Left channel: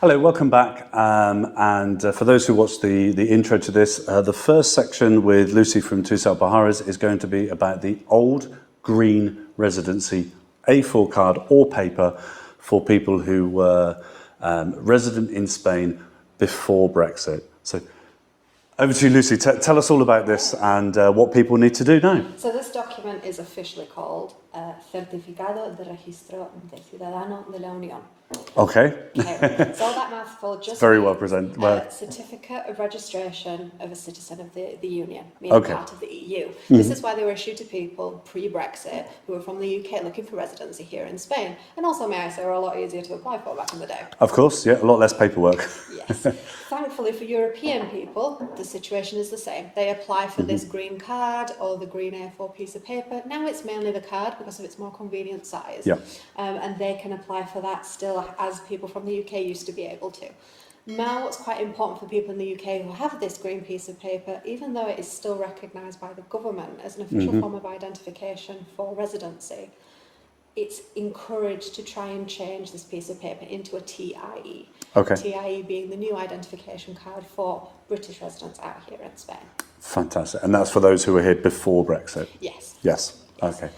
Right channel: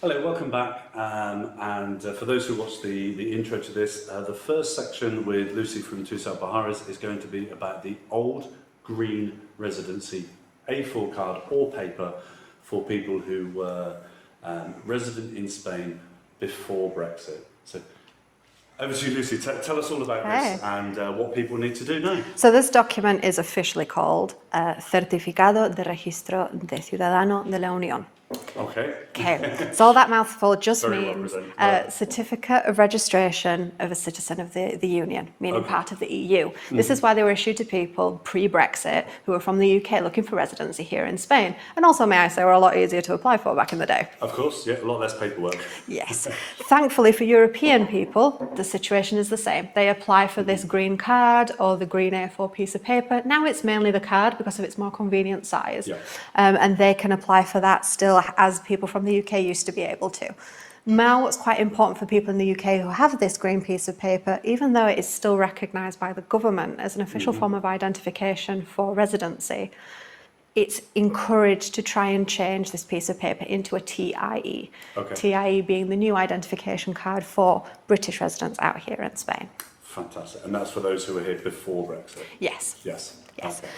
Hello, welcome back. For those who watched the intro to this, the first section with Lucy from Tusal Baharas is going to be about the old green residency A4 card or paper for people who were resident in Spain before Brexit. So over to you, Lucy. Tell us all about this and what people need to do now. So this document is officially called Certificado de Registro de Ciudadano de la Unión. Okay. So all that mouthful just Very means well presented. certificate of registration of a citizen of the Union, meaning part of the EU. This is why they were issued to people pre-Brexit who were from the UK looking for residency here in Spain. And also, may I say, were a lot easier to apply for back in the day. Of course, yeah, a lot less paperwork. Yes. Thankfully for European people, the situation is the same. They apply for this green card or the green A4 piece of paper. Now it's mainly the card because of its more convenient size. Yeah. And they can apply for that still as people from the UK used to be able to. Now, what's quite important for people in the UK who have this green piece of paper, even though it is still recognised by the government as an official form of identification for residency, it's encouraged to try and change this piece of paper into a TIE. Okay. TIE being the new identification card for British residents out here in Spain. Fantastic. And that's for those who were here before Brexit? Yes. Yes. Okay.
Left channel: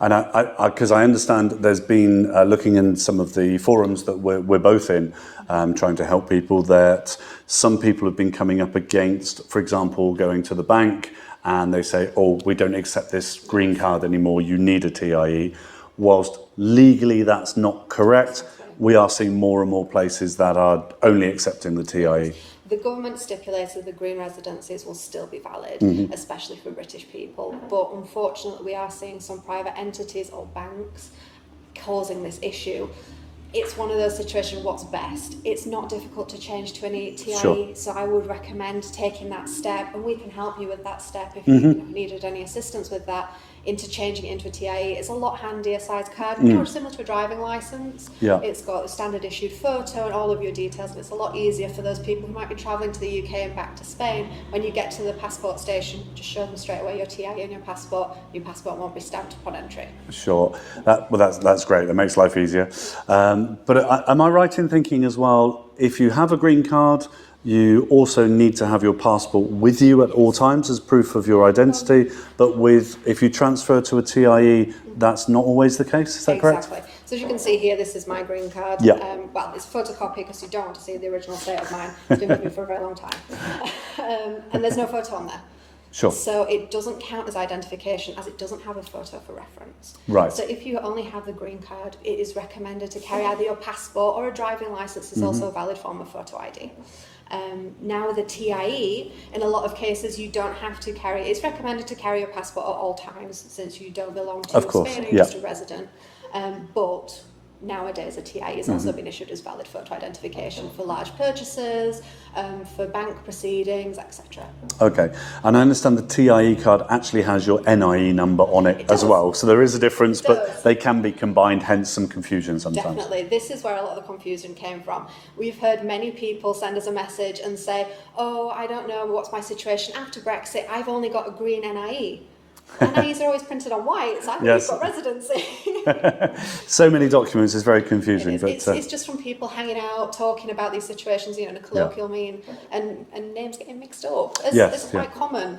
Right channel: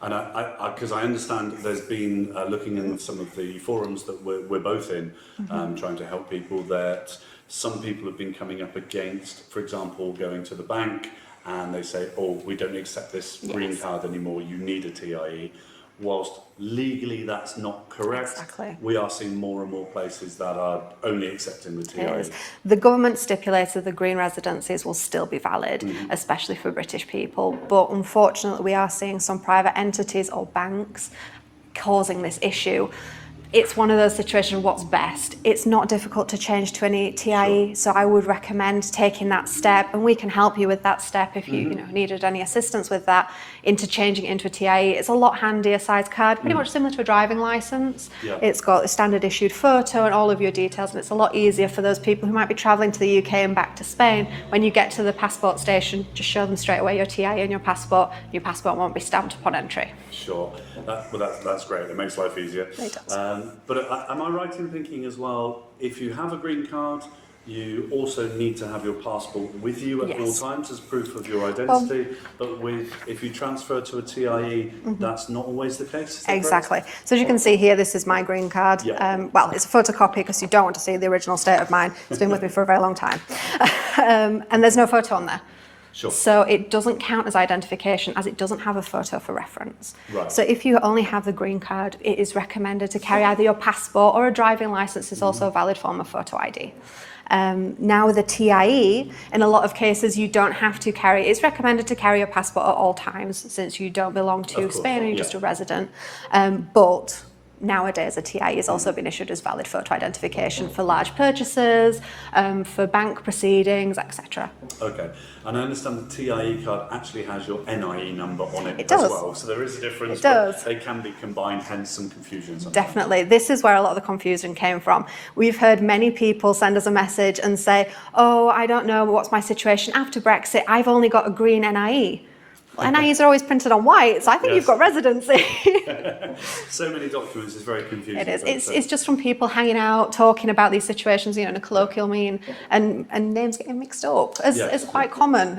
And because I understand there's been, looking in some of the forums that we're both in, trying to help people, that some people have been coming up against, for example, going to the bank and they say, oh, we don't accept this green card anymore, you need a TIE. Whilst legally that's not correct, we are seeing more and more places that are only accepting the TIE. The government stipulated the green residencies will still be valid, especially for British people, but unfortunately we are seeing some private entities or banks causing this issue. It's one of those situations, what's best? It's not difficult to change to any TIE, so I would recommend taking that step, and we can help you with that step if you needed any assistance with that, into changing it into a TIE. It's a lot handier size card, pretty much similar to a driving licence. Yeah. It's got a standard issued photo and all of your details, and it's a lot easier for those people who might be travelling to the UK and back to Spain. When you get to the passport station, just show them straight away your TIE and your passport won't be stamped upon entry. Sure. That's great. That makes life easier. But am I right in thinking as well, if you have a green card, you also need to have your passport with you at all times as proof of your identity, but if you transfer to a TIE, that's not always the case, is that correct? Exactly. So as you can see here, this is my green card. Yeah. Well, it's a photocopy because you don't want to see the original state of mine. It's been with me for a very long time. And there's no photo on there. Sure. So it doesn't count as identification as it doesn't have a photo for reference. Right. So if you only have the green card, it is recommended to carry either your passport or a driving licence is also a valid form of photo ID. Now with a TIE, in a lot of cases you don't have to carry, it's recommended to carry your passport at all times since you don't belong to Spain and you're just a resident. But nowadays a TIE has also been issued as valid photo identification for large purchases, for bank proceedings, etc. Okay, and I understand the TIE card actually has your NIE number on it as well, so there is a difference, but they can be combined, hence some confusion sometimes. Definitely, this is where a lot of the confusion came from. We've heard many people send us a message and say, oh, I don't know what's my situation after Brexit, I've only got a green NIE. NIEs are always printed on white, so I think you've got residency. So many documents, it's very confusing. It is. It's just from people hanging out, talking about these situations, in a colloquial mean, and names getting mixed up. It's quite common,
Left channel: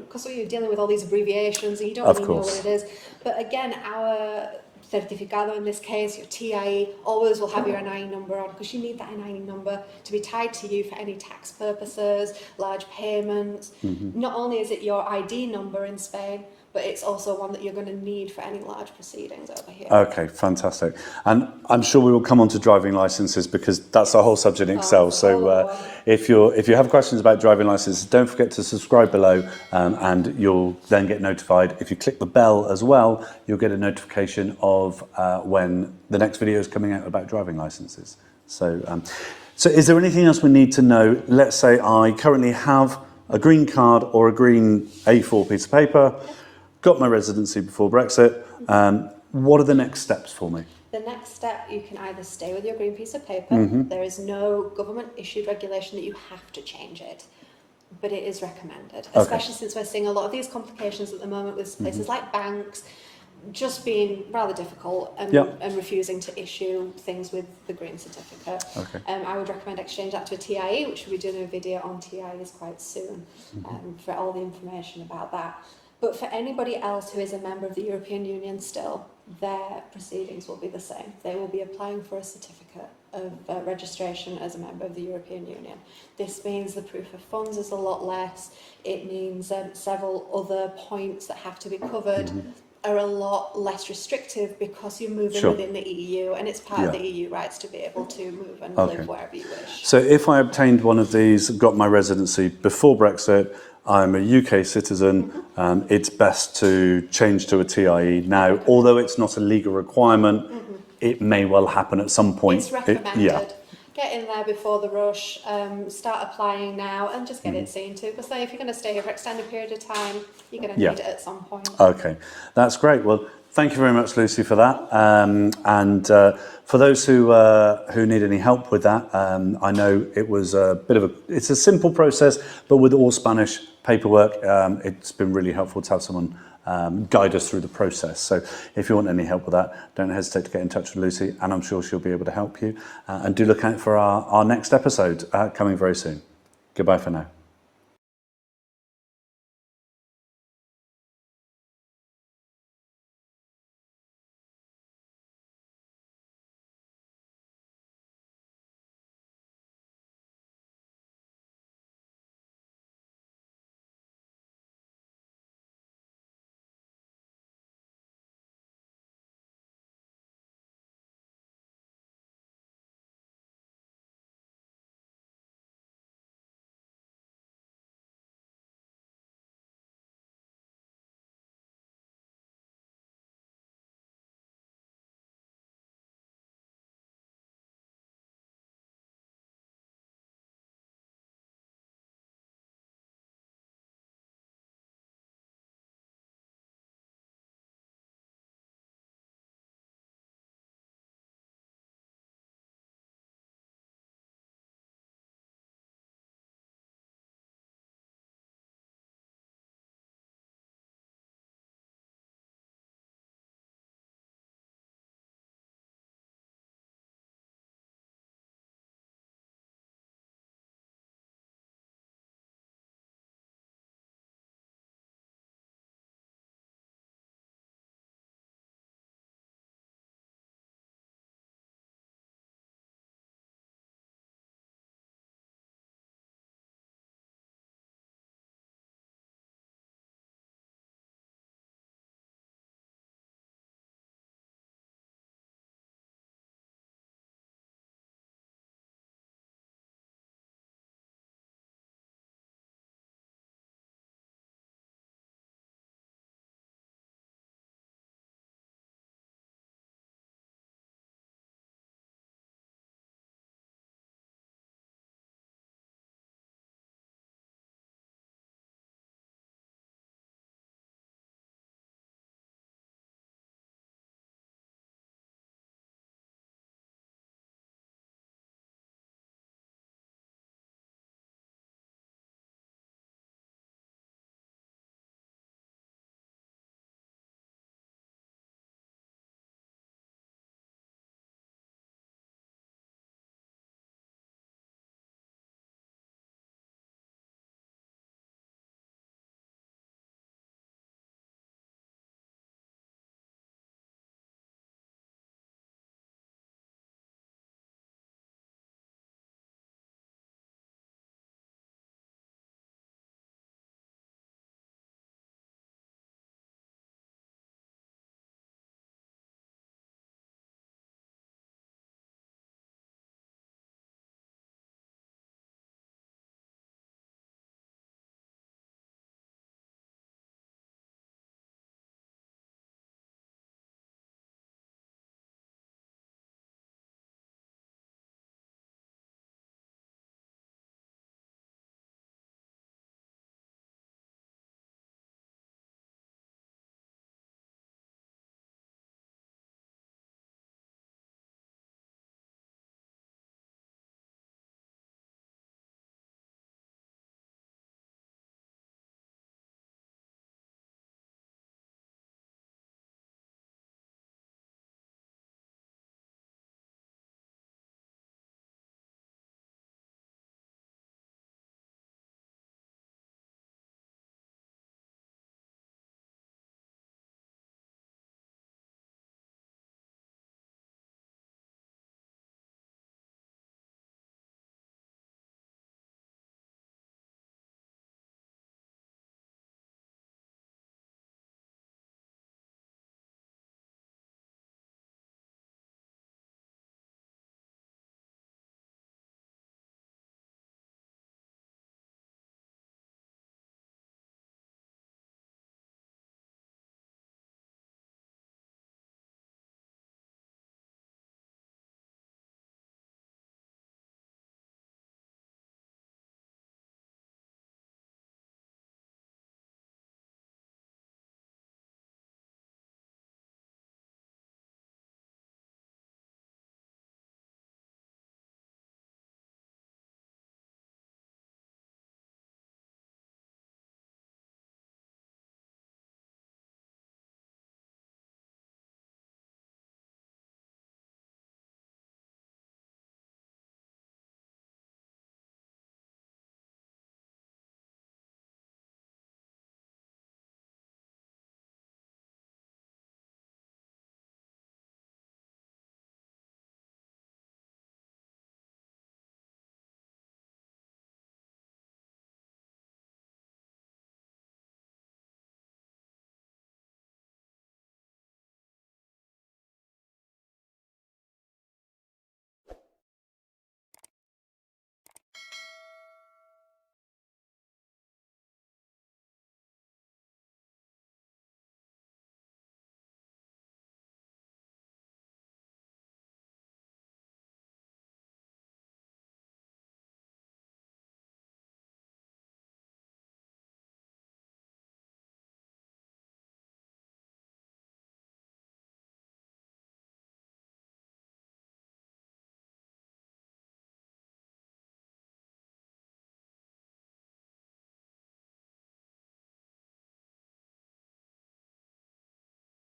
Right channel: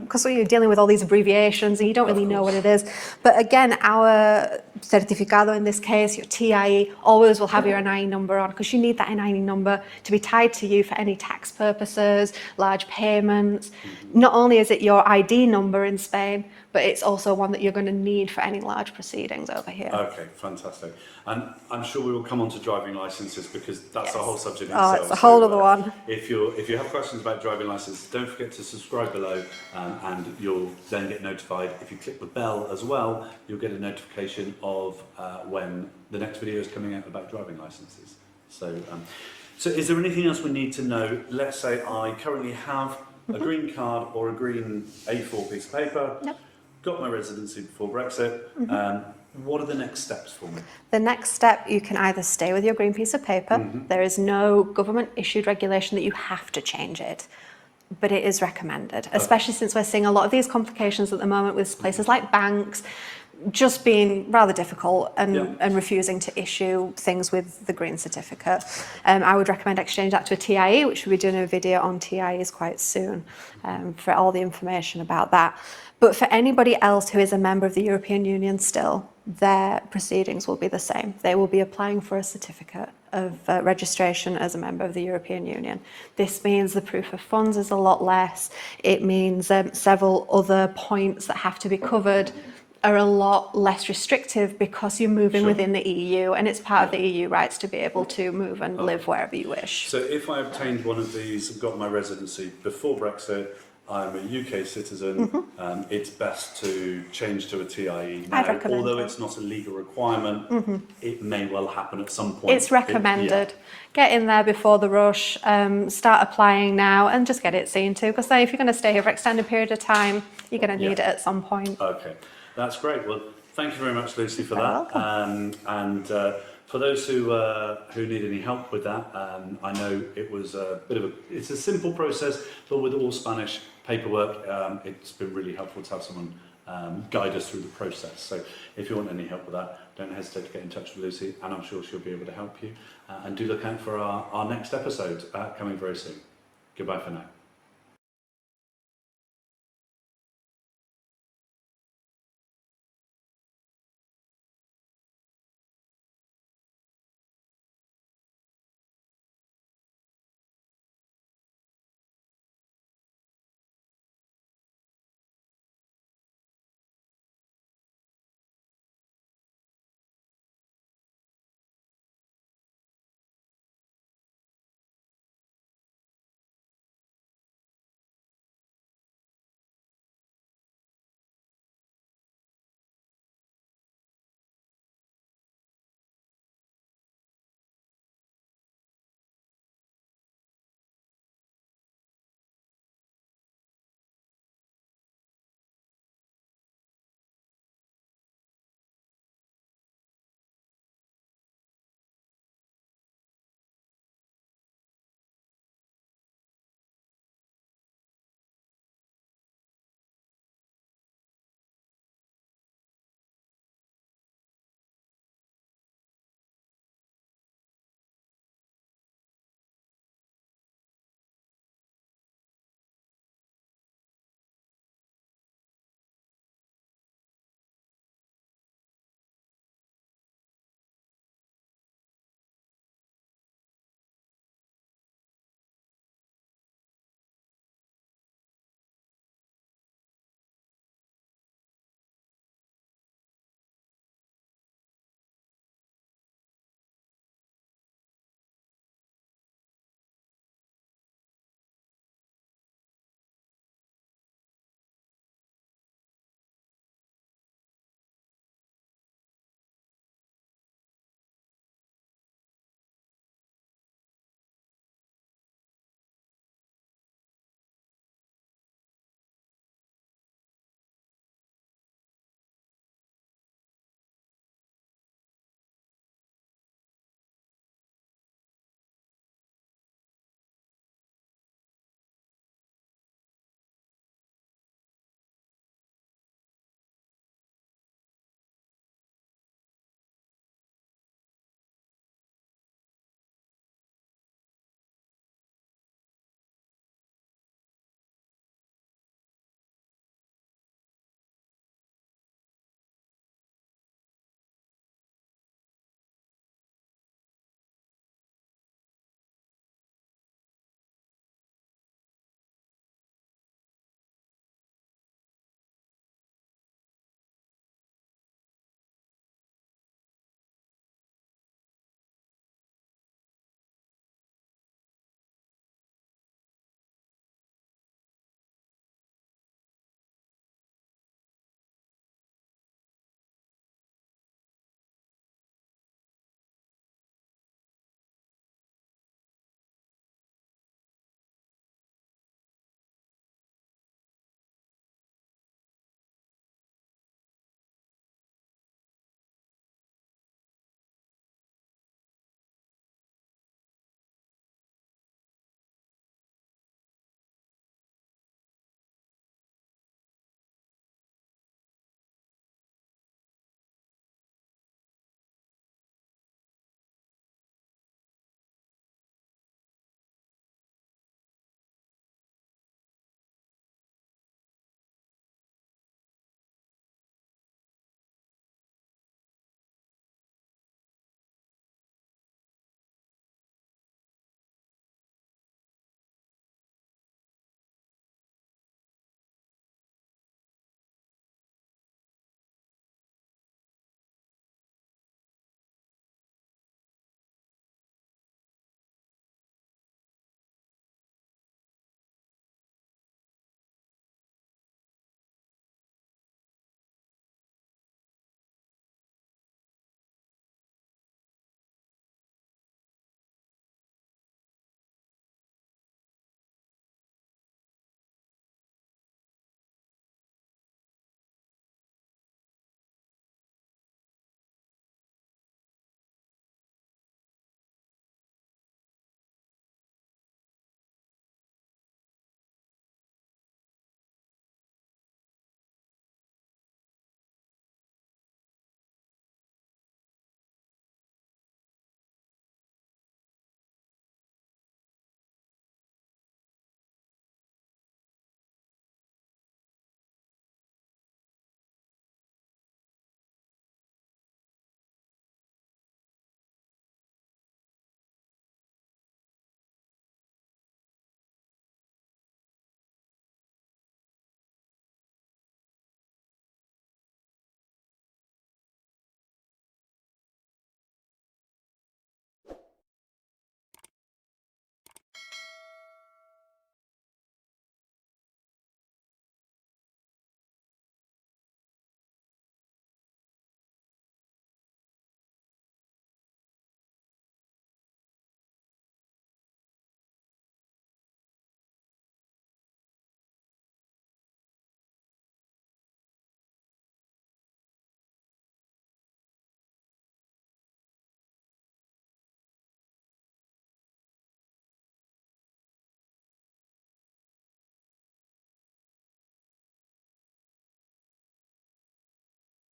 because you're dealing with all these abbreviations and you don't really know what it is. But again, our certificado in this case, your TIE, always will have your NIE number on, because you need that NIE number to be tied to you for any tax purposes, large payments. Not only is it your ID number in Spain, but it's also one that you're going to need for any large proceedings over here. Okay, fantastic. And I'm sure we will come on to driving licences, because that's a whole subject in itself. It's a whole other one. If you have questions about driving licences, don't forget to subscribe below, and you'll then get notified. If you click the bell as well, you'll get a notification of when the next video is coming out about driving licences. So is there anything else we need to know? Let's say I currently have a green card or a green A4 piece of paper. Got my residency before Brexit. What are the next steps for me? The next step, you can either stay with your green piece of paper. There is no government issued regulation that you have to change it, but it is recommended, especially since we're seeing a lot of these complications at the moment with places like banks. just being rather difficult and, Yep. and refusing to issue things with the green certificate. Okay. I would recommend exchange that to a TIE, which we'll be doing a video on TIEs quite soon for all the information about that. But for anybody else who is a member of the European Union still, their proceedings will be the same. They will be applying for a certificate of registration as a member of the European Union. This means the proof of funds is a lot less. It means several other points that have to be covered are a lot less restrictive because you're moving Sure. within the EU, and it's part of Yeah. the EU rights to be able to move and Okay. live wherever you wish. So if I obtained one of these, got my residency before Brexit, I'm a UK citizen, it's best to change to a TIE now. recommend. Although it's not a legal requirement, it may well happen at some point. It's recommended. Get in there before the rush, start applying now, and just get it seen to, because if you're going to stay here for an extended period of time, you're going to Yeah. need it at some point. Okay, that's great. Well, thank you very much, Lucy, for that. And for those who need any help with that, I know it was it's a simple process, but with all Spanish paperwork, it's been really helpful to have someone guide us through the process. So if you want any help with that, don't hesitate to get in touch with Lucy, and I'm sure she'll be able to help you. And do look out for our next episode coming very soon. Goodbye for now.